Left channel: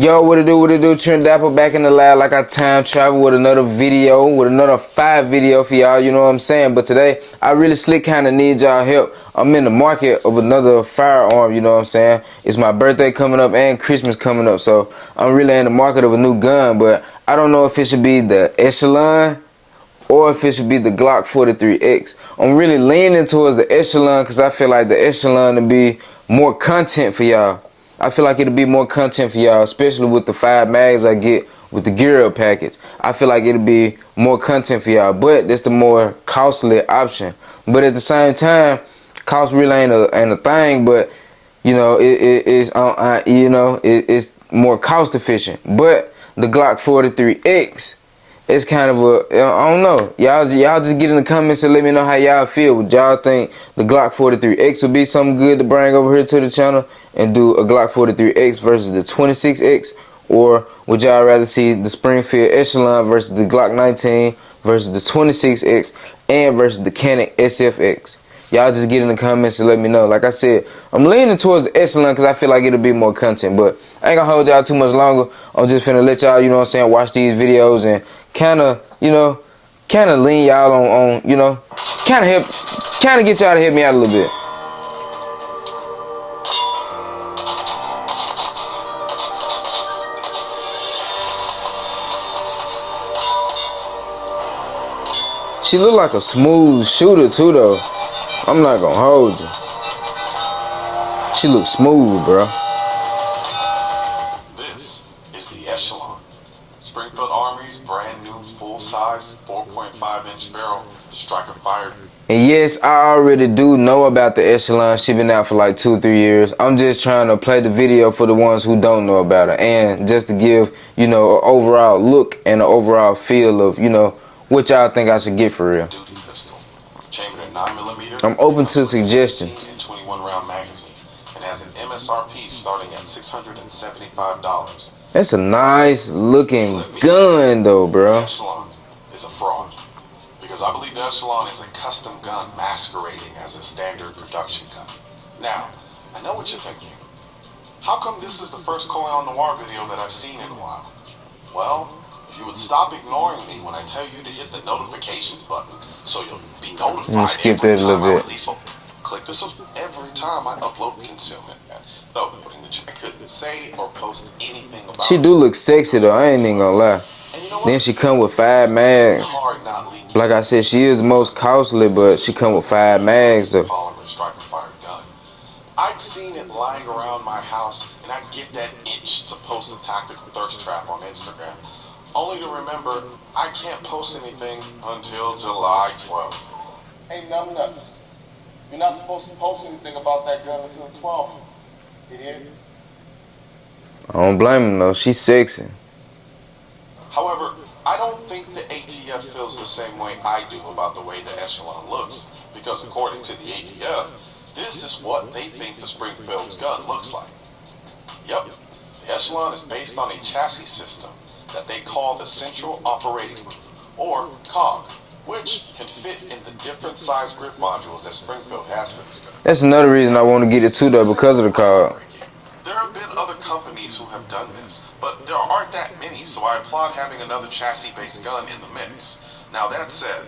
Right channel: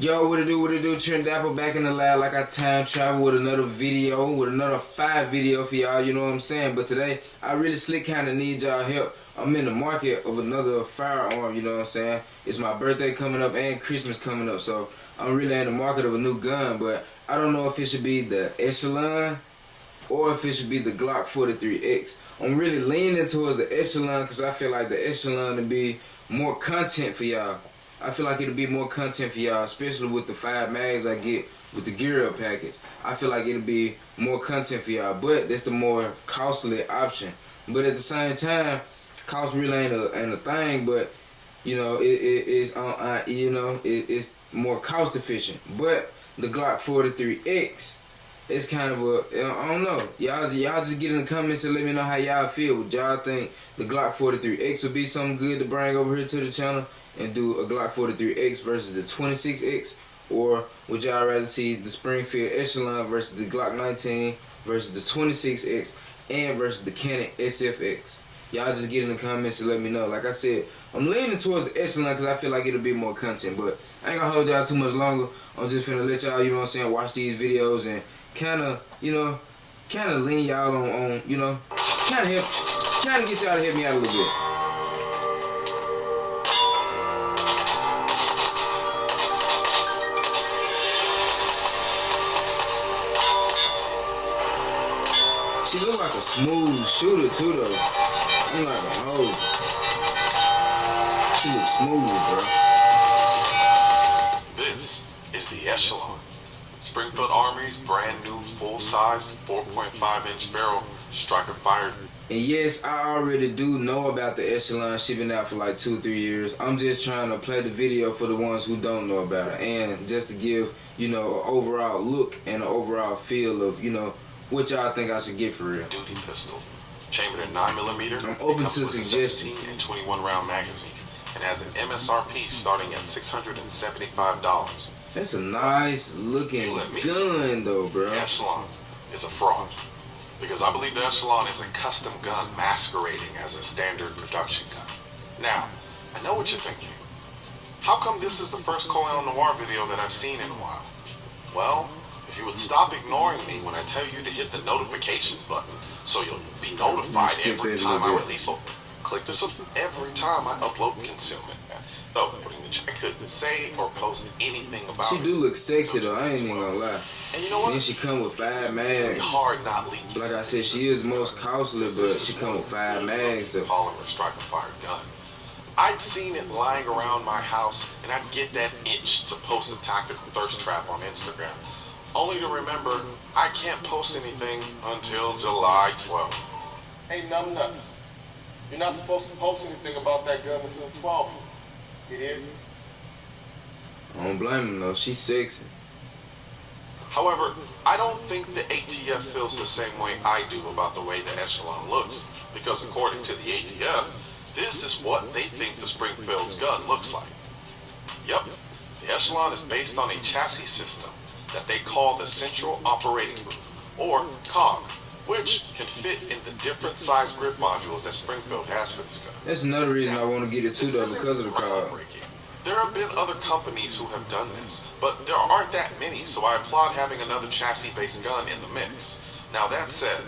Yo, what it do, Trent Dapper back in the lab like I time travel with another video, with another 5 video for y'all, you know what I'm saying? But today, I really slick kind of need y'all help. I'm in the market of another firearm, you know what I'm saying? It's my birthday coming up and Christmas coming up, so I'm really in the market of a new gun, but I don't know if it should be the Echelon or if it should be the Glock 43X. I'm really leaning towards the Echelon because I feel like the Echelon to be more content for y'all. I feel like it'll be more content for y'all, especially with the 5 mags I get with the gear up package. I feel like it'll be more content for y'all, but that's the more costly option. But at the same time, cost really ain't a thing, but you know, it's more cost efficient. But the Glock 43X, it's kind of a, I don't know. Y'all just get in the comments and let me know how y'all feel. Would y'all think the Glock 43X would be something good to bring over here to the channel and do a Glock 43X versus the 26X? Or would y'all rather see the Springfield Echelon versus the Glock 19 versus the 26X and versus the Canon SFX? Y'all just get in the comments and let me know. Like I said, I'm leaning towards the Echelon because I feel like it'll be more content. But I ain't gonna hold y'all too much longer. I'm just finna let y'all, you know what I'm saying, watch these videos and kind of lean y'all on, you know, kind of get y'all to help me out a little bit. She look like a smooth shooter too, though. I'm not gonna hold you. She looks smooth, bro. This is the Echelon. Springfield Army's brand new full-size 4.5-inch barrel striker fired. And yes, I already do know about the Echelon. She been out for like 2-3 years. I'm just trying to play the video for the ones who don't know about her, and just to give, you know, an overall look and an overall feel of, you know, what y'all think I should get for real. Duty pistol, chambered in 9mm. I'm open to suggestions. 17 and 21 round magazine, and has an MSRP starting at $675. That's a nice looking gun though, bro. The Echelon is a fraud, because I believe the Echelon is a custom gun masquerading as a standard production gun. Now, I know what you're thinking. How come this is the first Colion Noir video that I've seen in a while? Well, if you would stop ignoring me when I tell you to hit the notifications button so you'll be notified. Skip that a little bit. Click this every time I upload concealment. No, putting the I couldn't say or post anything about. She do look sexy though, I ain't even gonna lie. And you know then she come with 5 mags. Like I said, she is the most costly, but she come with 5 mags though. Polymer striker fired gun. I'd seen it lying around my house, and I'd get that itch to post a tactical thirst trap on Instagram. Only to remember, I can't post anything until July 12th. Hey, numbnuts. You're not supposed to post anything about that gun until the 12th. Idiot. I don't blame him though, she's sexy. However, I don't think the ATF feels the same way I do about the way the Echelon looks, because according to the ATF, this is what they think the Springfield's gun looks like. Yep, the Echelon is based on a chassis system that they call the Central Operating Group, or COG, which can fit in the different size grip modules that Springfield has for this gun. That's another reason I want to get it too though, because of the COG. There have been other companies who have done this, but there aren't that many, so I applaud having another chassis-based gun in the mix. Now that said,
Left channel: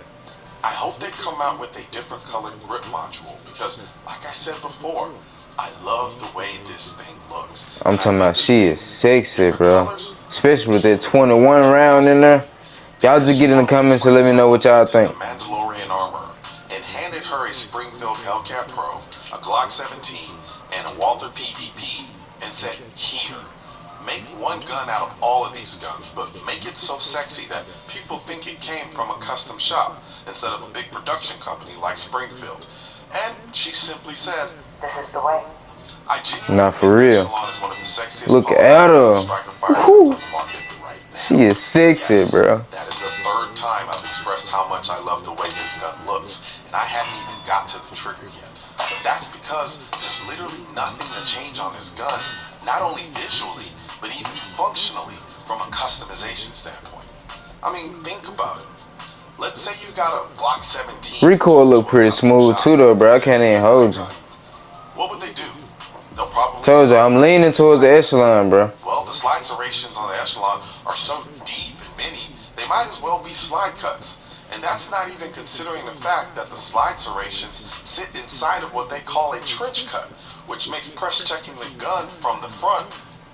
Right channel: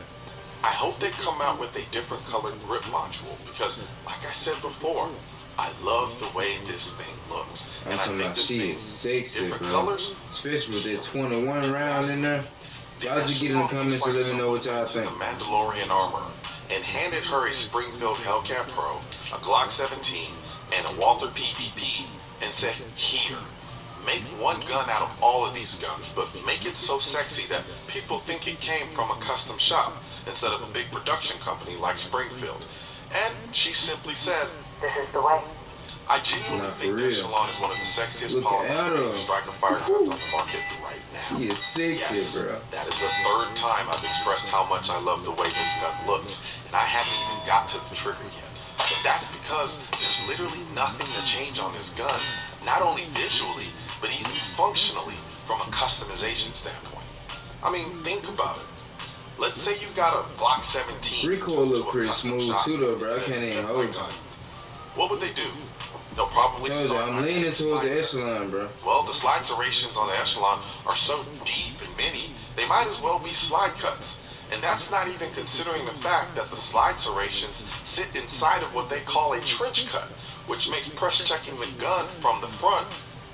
I hope they come out with a different colored grip module, because like I said before, I love the way this thing looks. I'm talking about she is sexy, bro. Especially with that 21 round in there. Y'all just get in the comments and let me know what y'all think. The Mandalorian armor, and handed her a Springfield Hellcat Pro, a Glock 17, and a Walther PDP, and said, here, make one gun out of all of these guns, but make it so sexy that people think it came from a custom shop instead of a big production company like Springfield. And she simply said, this is the way. Not for real. Look at her. Woo. She is sexy, yes, bro. That is the 3rd time I've expressed how much I love the way this gun looks, and I haven't even got to the trigger yet. But that's because there's literally nothing to change on this gun, not only visually, but even functionally from a customization standpoint. I mean, think about it. Let's say you got a Glock 17. Recoil look pretty smooth too though, bro. I can't even hold you. What would they do? They'll probably told you, I'm leaning towards the Echelon, bro. Well, the slide serrations on the Echelon are so deep and many, they might as well be slide cuts. And that's not even considering the fact that the slide serrations sit inside of what they call a trench cut, which makes press checking the gun from the front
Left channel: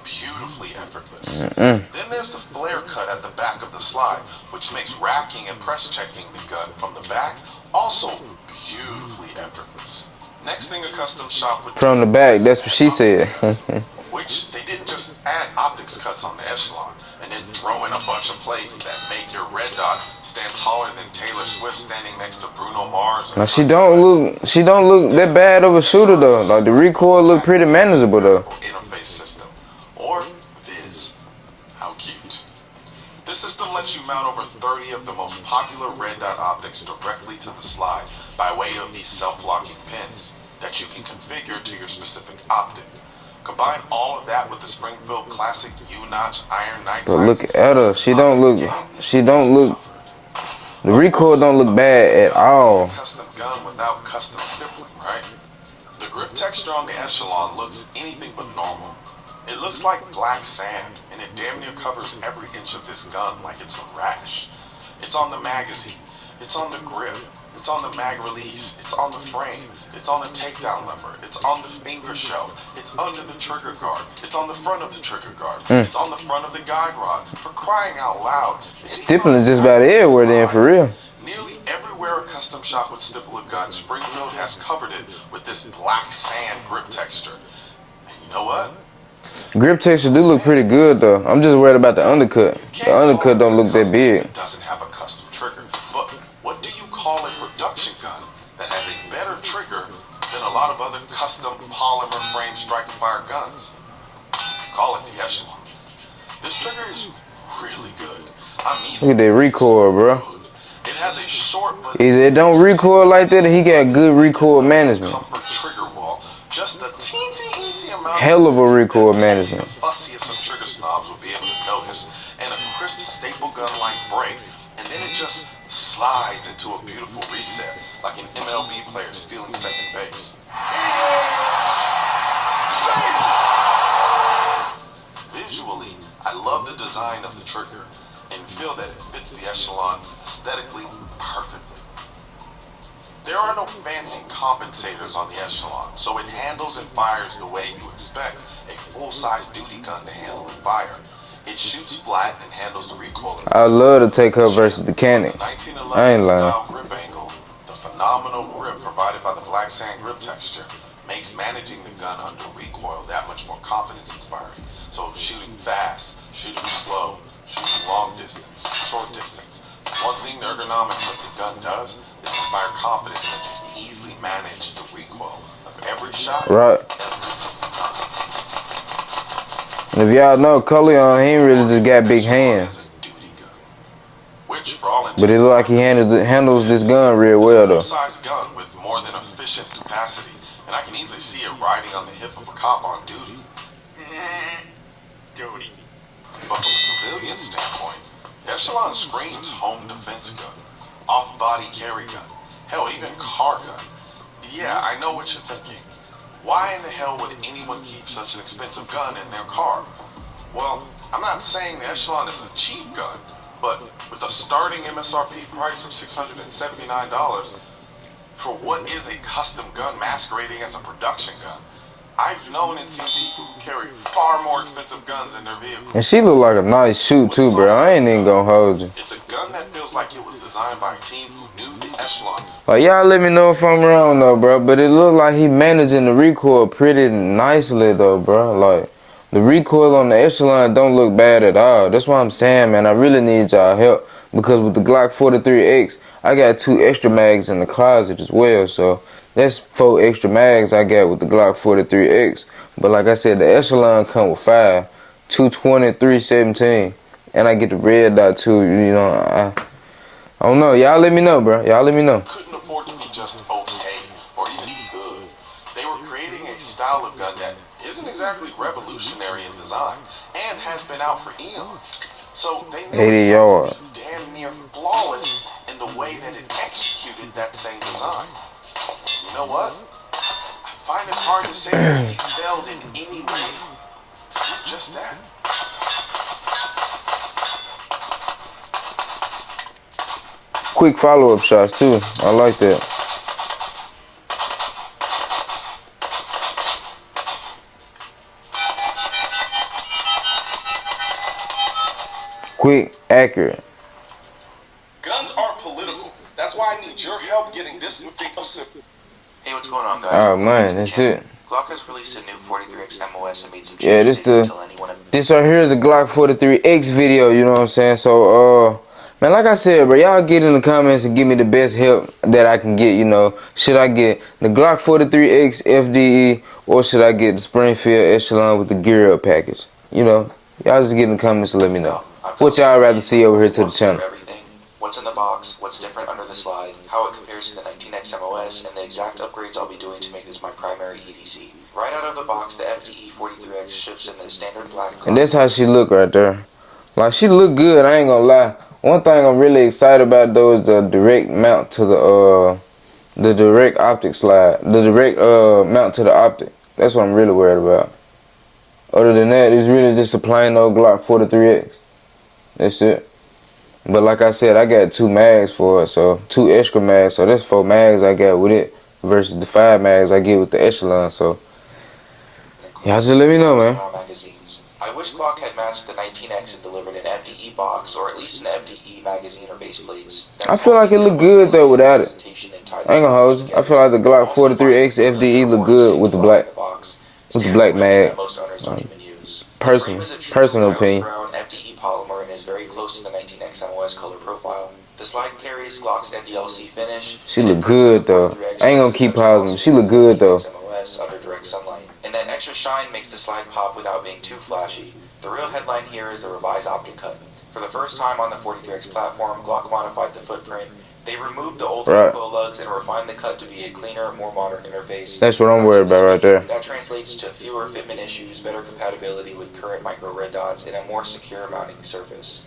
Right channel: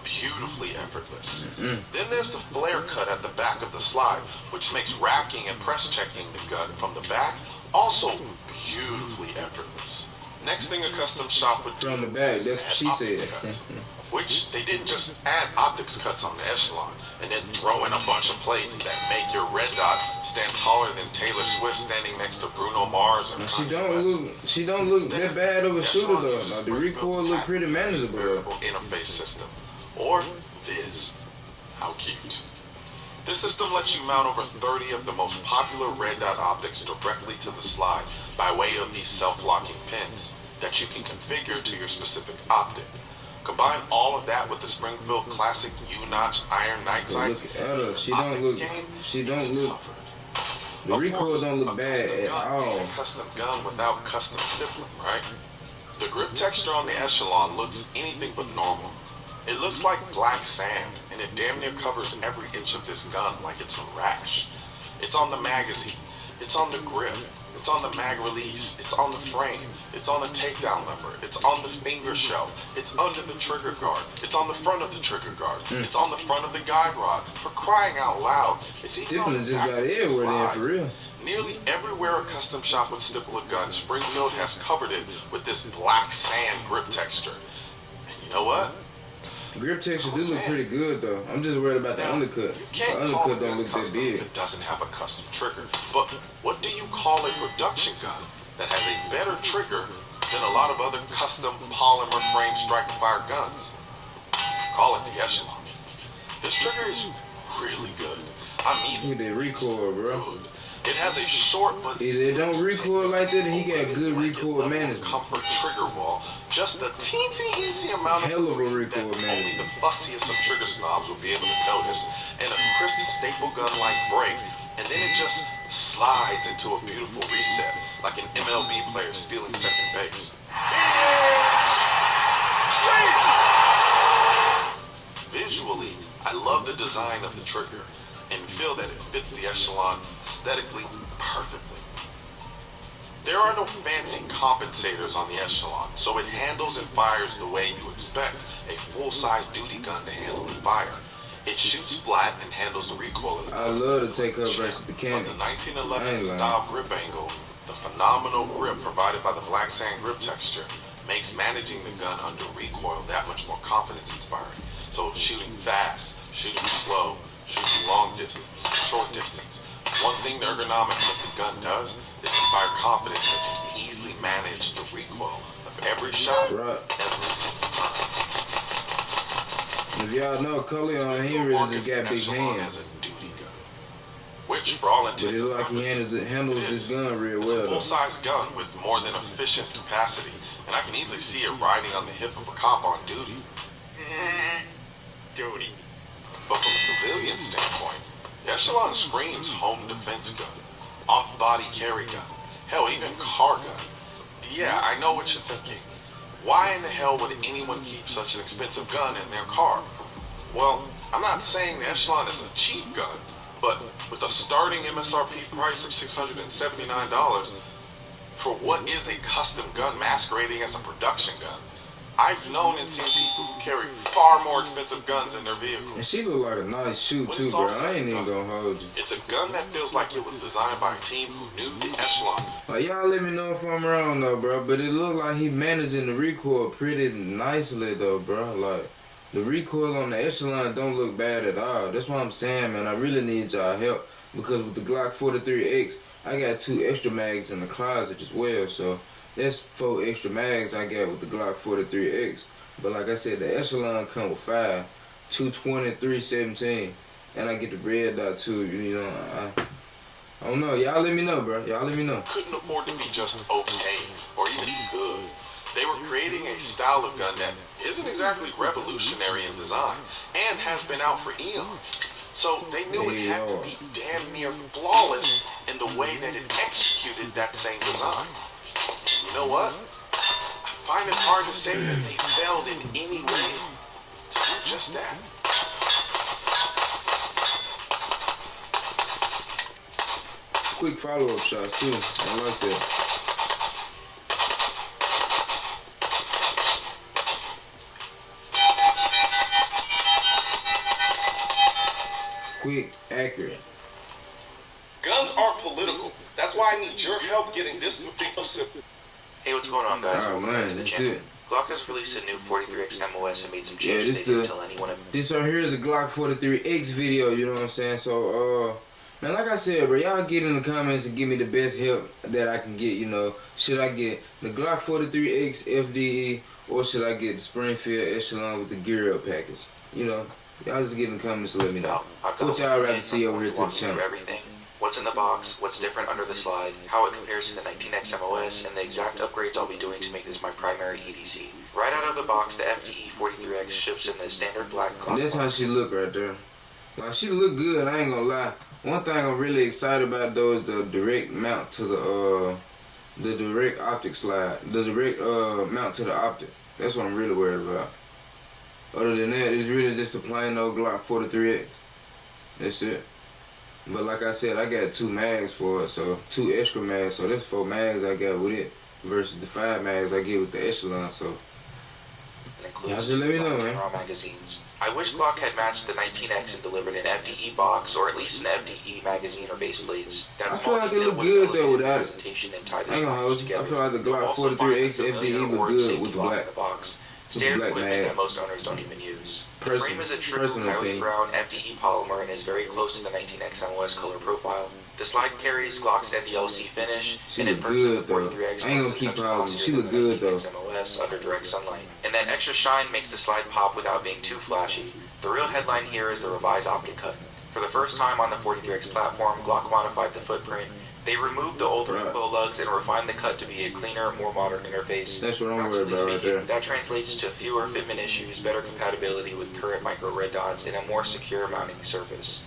beautifully effortless. Then there's the flare cut at the back of the slide, which makes racking and press checking the gun from the back also beautifully effortless. Next thing a custom shop would do From the back, that's what she said. which they didn't just add optics cuts on the Echelon and then throw in a bunch of plates that make your red dot stand taller than Taylor Swift standing next to Bruno Mars. Now she don't look that bad of a shooter though. Like the recoil look pretty manageable though. Interface system, or Viz. How cute. This system lets you mount over 30 of the most popular red dot optics directly to the slide by way of these self-locking pins that you can configure to your specific optic. Combine all of that with the Springfield Classic U-notch iron night But look at her. She don't look. The recoil don't look bad at all. Custom gun without custom stippling, right? The grip texture on the Echelon looks anything but normal. It looks like black sand, and it damn near covers every inch of this gun like it's a rash. It's on the magazine, it's on the grip, it's on the mag release, it's on the frame, it's on the takedown lever, it's on the finger shelf, it's under the trigger guard, it's on the front of the trigger guard, it's on the front of the guide rod. For crying out loud. Stippling is just about everywhere then, for real. Nearly everywhere a custom shop would stipple a gun, Springfield has covered it with this black sand grip texture. And you know what? Grip texture do look pretty good though. I'm just worried about the undercut. The undercut don't look that big. It doesn't have a custom trigger. But what do you call a production gun that has a better trigger than a lot of other custom polymer frame striker fire guns? Call it the Echelon. This trigger is really good. I mean, Look at that recoil, bro. good. It has a short but Either it don't recoil like that or he got good recoil management. comfort trigger wall. Just a teensy amount Hell of a recoil management. the fussiest of trigger snobs will be able to notice, and a crisp staple gun-like break, and then it just slides into a beautiful reset, like an MLB player stealing second base. Visually, I love the design of the trigger, and feel that it fits the Echelon aesthetically perfectly. There are no fancy compensators on the Echelon, so it handles and fires the way you expect a full-size duty gun to handle and fire. It shoots flat and handles the recoil. I love to take her versus the Cannon. The 1911 I ain't lying. style grip angle, the phenomenal grip provided by the black sand grip texture, makes managing the gun under recoil that much more confidence-inspiring. So shooting fast, shooting slow, shooting long distance, short distance. One thing the ergonomics of the gun does is inspire confidence that you can easily manage the recoil of every shot Right. every single time. And if y'all know, Cullion, he ain't really just got big hands. As a duty gun, which for all intents But it look like he handles this gun real well though. It's a full-size gun with more than efficient capacity, and I can easily see it riding on the hip of a cop on duty. But from a civilian standpoint, the Echelon screams home defense gun, off-body carry gun, hell, even car gun. Yeah, I know what you're thinking. Why in the hell would anyone keep such an expensive gun in their car? Well, I'm not saying the Echelon is a cheap gun, but with a starting MSRP price of $679 for what is a custom gun masquerading as a production gun, I've known and seen people who carry far more expensive guns in their vehicles. And she look like a nice shoot too, bro. I ain't even gonna hold you. It's a gun that feels like it was designed by a team who knew the Echelon. Like y'all let me know if I'm wrong though, bro. But it look like he managing the recoil pretty nicely though, bro. Like the recoil on the Echelon don't look bad at all. That's what I'm saying, man. I really need y'all help because with the Glock 43X, I got 2 extra mags in the closet as well. So that's 4 extra mags I got with the Glock 43X. But like I said, the Echelon come with 5, 220, 317, and I get the red dot too. You know, I don't know. Y'all let me know, bro. Y'all let me know. Couldn't afford to be just okay or even good. They were creating a style of gun that isn't exactly revolutionary in design and has been out for eons. So they knew 80 it had yards. to be damn near flawless in the way that it executed that same design. And you know what? I find it hard to say that they failed in any way to do just that. quick follow-up shots too. I like that. Quick, accurate. Guns aren't political. That's why I need your help getting this new thing simple. Hey, what's going on, guys? Oh man, that's it. Glock has released a new 43X MOS and made some Yeah, changes. this right here is a Glock 43X video, you know what I'm saying? So, man, like I said, bro, y'all get in the comments and give me the best help that I can get, you know. Should I get the Glock 43X FDE or should I get the Springfield Echelon with the gear up package? You know, y'all just get in the comments and let me know. What y'all rather see over here to the channel? What's in the box, what's different under the slide, how it compares to the 19X MOS, and the exact upgrades I'll be doing to make this my primary EDC. Right out of the box, the FDE 43X ships in the standard black. And that's how she look right there. Like, she look good, I ain't gonna lie. One thing I'm really excited about though is the direct mount to the direct optic slide. The direct mount to the optic. That's what I'm really worried about. Other than that, it's really just a plain old Glock 43X. That's it. But like I said, I got 2 mags for it, so 2 extra mags. So that's 4 mags I got with it versus the 5 mags I get with the Echelon. So y'all just let me know, man. I wish Glock had matched the 19X and delivered an FDE box or at least an FDE magazine or base plates. I feel like it look good though without it. I ain't gonna hold you. I feel like the Glock 43X FDE look good with the black mag. Most owners don't even use. Personal opinion. Brown FDE polymer and is very close to the 19X MOS color profile. The slide carries Glock's NDLC finish. She look good though. I ain't gonna keep pausing. She look good though. MOS under direct sunlight. And that extra shine makes the slide pop without being too flashy. The real headline here is the revised optic cut. For the first time on the 43X platform, Glock modified the footprint. They removed the old recoil lugs and refined the cut to be a cleaner, more modern interface. That's what I'm worried about right there. That translates to fewer fitment issues, better compatibility with current micro red dots, and a more secure mounting surface.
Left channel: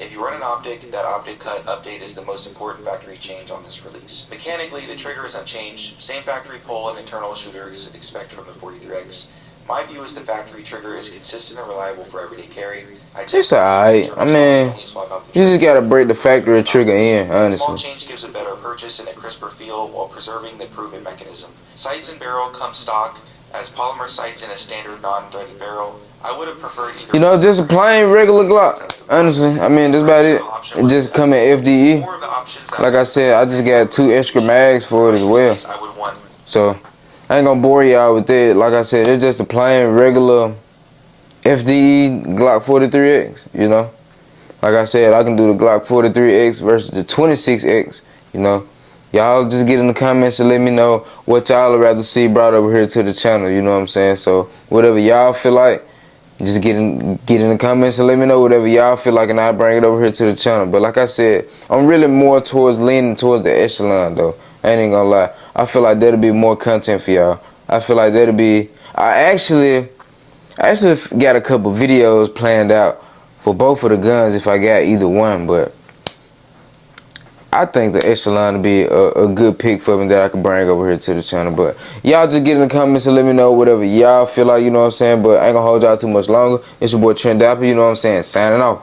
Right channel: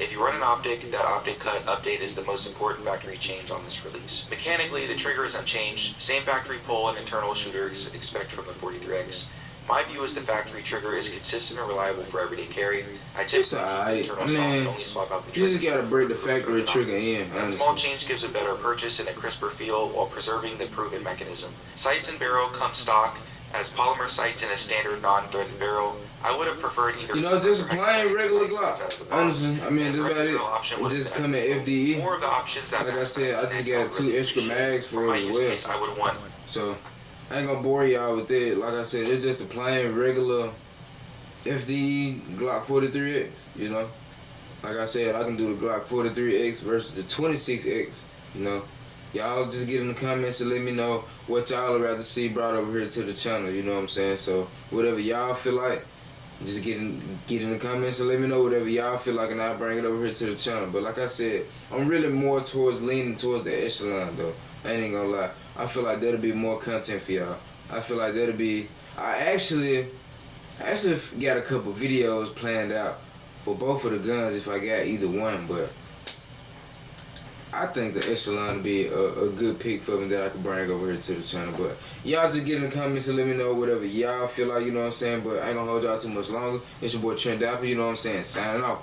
If you run an optic, that optic cut update is the most important factory change on this release. Mechanically, the trigger is unchanged, same factory pull and internal shooters expect from the 43X. My view is the factory trigger is consistent and reliable for everyday carry. It's alright. I mean, you just gotta break the factory trigger in, honestly. Small change gives a better purchase and a crisper feel while preserving the proven mechanism. Sights and barrel come stock as polymer sights in a standard non-threaded barrel. I would have preferred either. You know, just a plain regular Glock. Honestly, I mean, that's about it. It just come in FDE. Like I said, I just got 2 extra mags for it as well. So I ain't gonna bore y'all with that. Like I said, it's just a plain regular FDE Glock 43X, you know. Like I said, I can do the Glock 43X versus the 26X, you know. Y'all just get in the comments and let me know what y'all would rather see brought over here to the channel, you know what I'm saying? So whatever y'all feel like, just get in the comments and let me know whatever y'all feel like, and I'll bring it over here to the channel. But like I said, I'm really more leaning towards the Echelon though. I ain't gonna lie. I feel like that'll be more content for y'all. I feel like that'll be. I actually got a couple videos planned out for both of the guns if I got either one, but I think the Echelon will be a good pick for me that I can bring over here to the channel. But y'all just get in the comments and let me know whatever y'all feel like, you know what I'm saying? But I ain't gonna hold y'all too much longer. It's your boy Trent Dapper, you know what I'm saying? Signing off.